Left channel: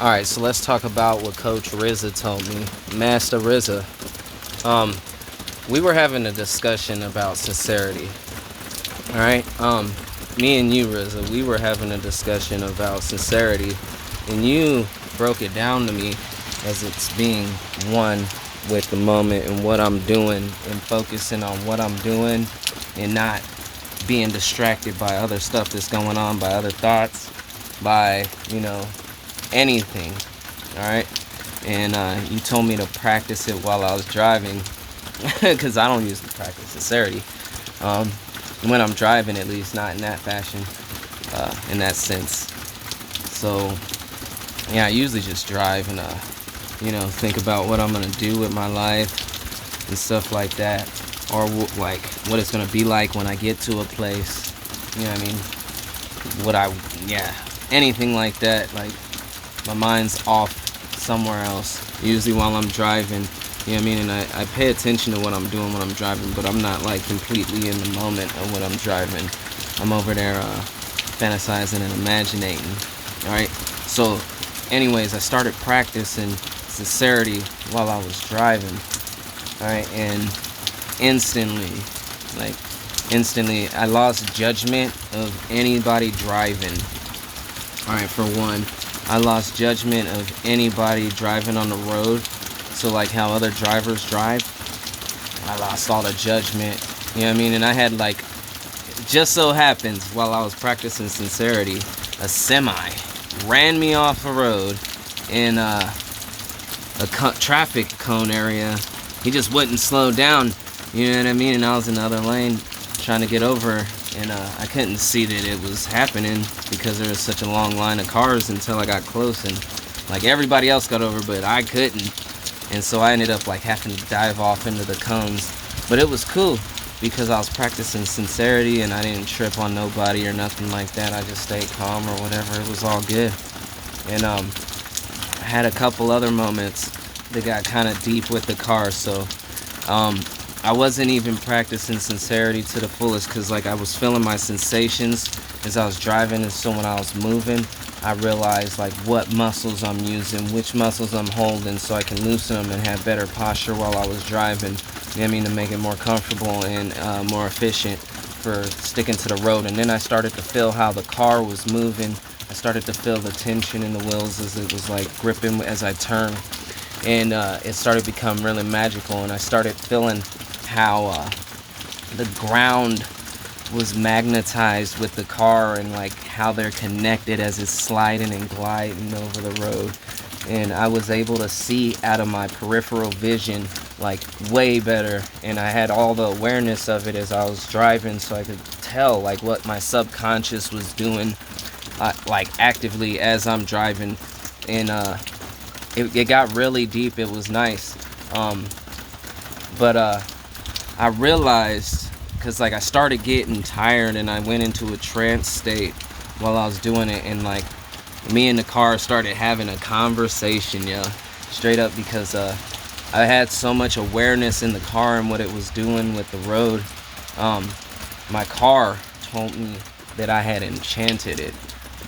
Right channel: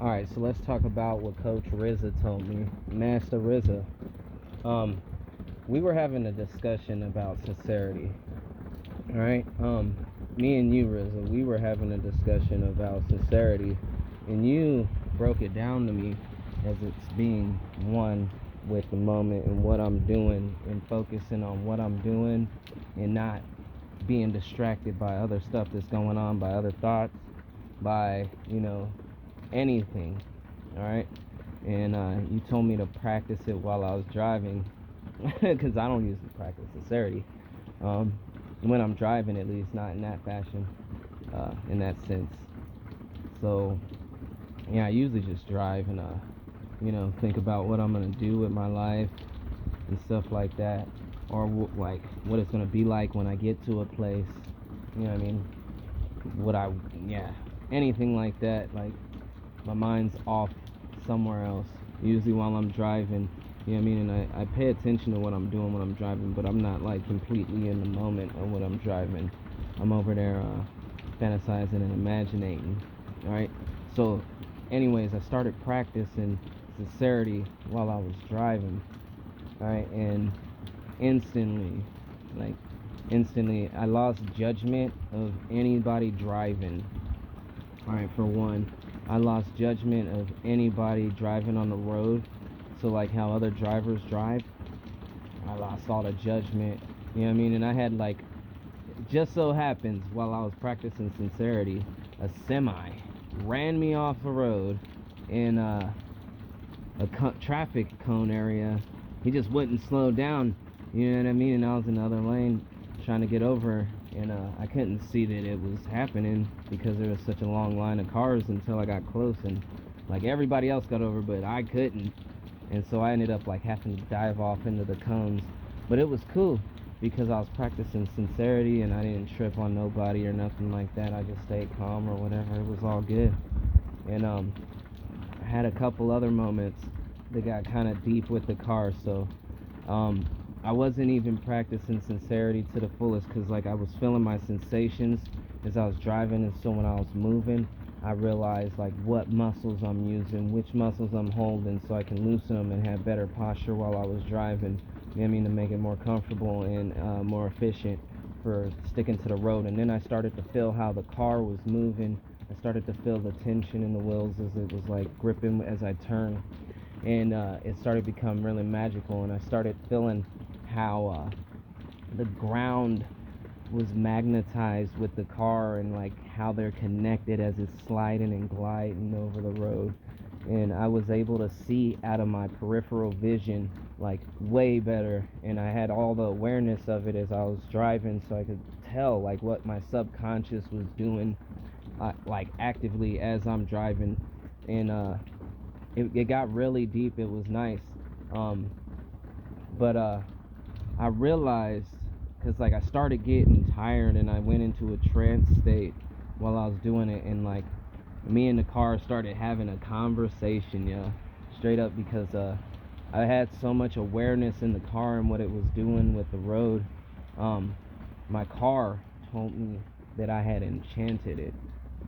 All right, so let's talk about what Coach RZA told me. Master RZA. Um, we were having a discussion about sincerity. All right. Me and you, RZA, we were having a discussion about sincerity, and you broke it down to me as it's being one with the moment and what I'm doing and focusing on what I'm doing and not being distracted by other stuff that's going on, by other thoughts, by, anything. All right. And you told me to practice it while I was driving because I don't usually practice sincerity. Um, when I'm driving, at least, not in that fashion, in that sense. So, yeah, I usually just drive and, think about what I'm going to do with my life and stuff like that. Or, like, what it's going to be like when I get to a place. You know what I mean? Yeah, anything like that. Like, my mind's off somewhere else. Usually while I'm driving, you know what I mean? And I pay attention to what I'm doing when I'm driving, but I'm not like completely in the moment of what I'm driving. I'm over there fantasizing and imagining. Alright? So, anyways, I started practicing sincerity while I was driving. Alright? And instantly, like, I lost judgment of anybody driving. Alright, for one, I lost judgment of anybody driving on the road. So, like how other drivers drive, I lost all the judgment. You know what I mean? And I had, like, just so happens while I was practicing sincerity, a semi ran me off the road in traffic cone area. He just wouldn't slow down. You know what I mean? And I was in the other lane trying to get over, and I couldn't see that it was happening because there was such a long line of cars until I got close, and like everybody else got over, but I couldn't. And so I ended up like having to dive off into the cones. But it was cool because I was practicing sincerity and I didn't trip on nobody or nothing like that. I just stayed calm or whatever. It was all good. And I had a couple other moments that got kind of deep with the car. So I wasn't even practicing sincerity to the fullest because like I was feeling my sensations as I was driving, and so when I was moving, I realized like what muscles I'm using, which muscles I'm holding, so I can loosen them and have better posture while I was driving. You know what I mean, to make it more comfortable and more efficient for sticking to the road. And then I started to feel how the car was moving. I started to feel the tension in the wheels as it was like gripping as I turned, and it started to become really magical. And I started feeling how the ground was magnetized with the car and like how they're connected as it's sliding and gliding over the road. And I was able to see out of my peripheral vision like way better, and I had all the awareness of it as I was driving, so I could tell like what my subconscious was doing like actively as I'm driving. And it got really deep. It was nice. But I realized, because like I started getting tired and I went into a trance state while I was doing it, and like me and the car started having a conversation, yeah, straight up, because I had so much awareness in the car and what it was doing with the road. My car told me that I had enchanted it,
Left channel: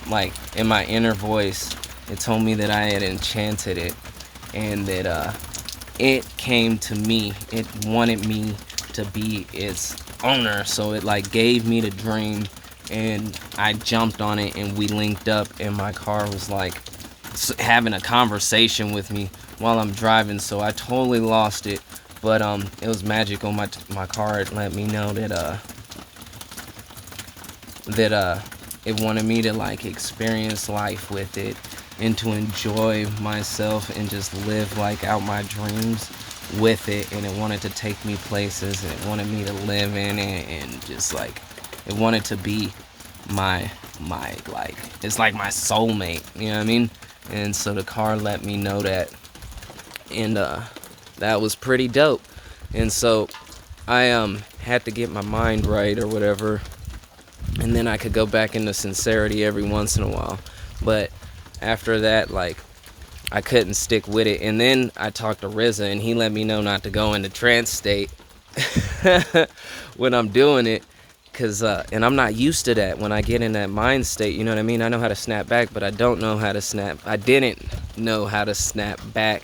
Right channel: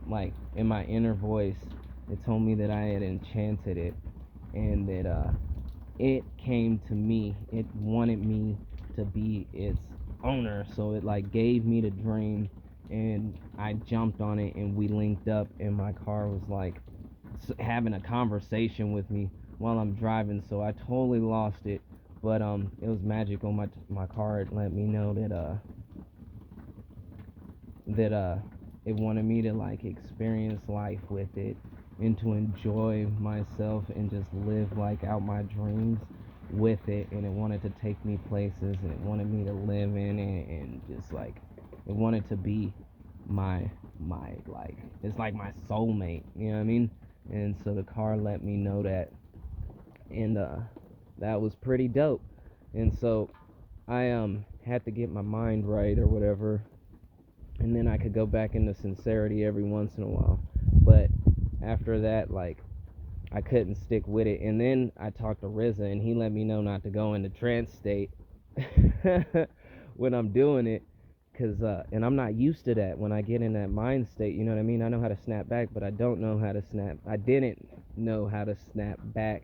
like in my inner voice. It told me that I had enchanted it, and that it came to me. It wanted me to be its owner, so it like gave me the dream, and I jumped on it, and we linked up, and my car was like having a conversation with me while I'm driving. So I totally lost it, but it was magical. My car had let me know that it wanted me to like experience life with it and to enjoy myself and just live like out my dreams with it. And it wanted to take me places, and it wanted me to live in it, and just like it wanted to be my like, it's like my soulmate, you know what I mean? And so the car let me know that, and that was pretty dope. And so I had to get my mind right or whatever, and then I could go back into sincerity every once in a while. But after that, like, I couldn't stick with it. And then I talked to RZA, and he let me know not to go into trance state when I'm doing it. Cause and I'm not used to that when I get in that mind state. You know what I mean? I know how to snap back, but I don't know how to snap. I didn't know how to snap back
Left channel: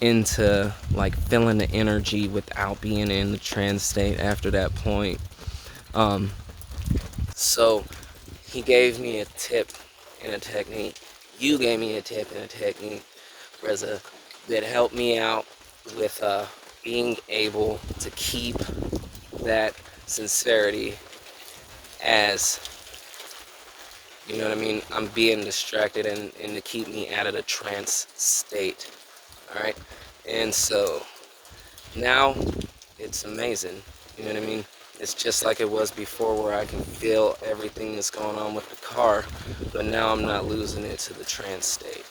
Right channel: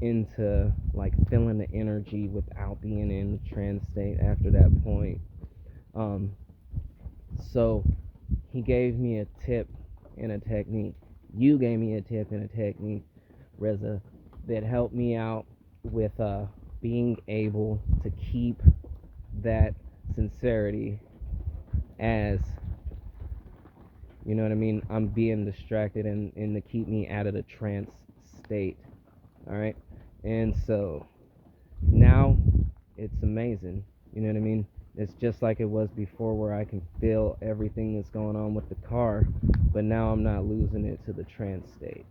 into like feeling the energy without being in the trance state after that point. Um, so he gave me a tip and a technique. You gave me a tip and a technique, Reza, that helped me out with being able to keep that sincerity as, you know what I mean, I'm being distracted, and to keep me out of the trance state. All right. And so now it's amazing. You know what I mean? It's just like it was before, where I can feel everything that's going on with the car, but now I'm not losing it to the trance state.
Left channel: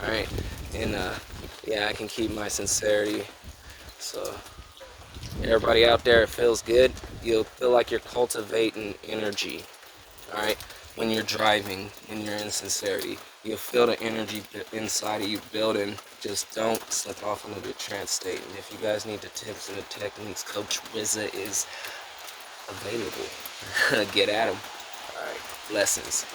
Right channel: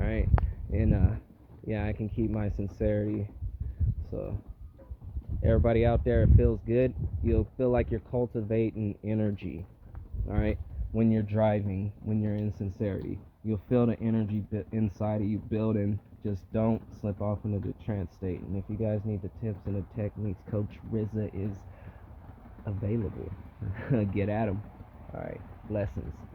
All right. And yeah, I can keep my sincerity. So everybody out there, it feels good. You'll feel like you're cultivating energy. All right. When you're driving, when you're in sincerity, you'll feel the energy inside of you building. Just don't slip off into the trance state. And if you guys need the tips and the techniques, Coach Reza is available. Get at him. All right. Blessings.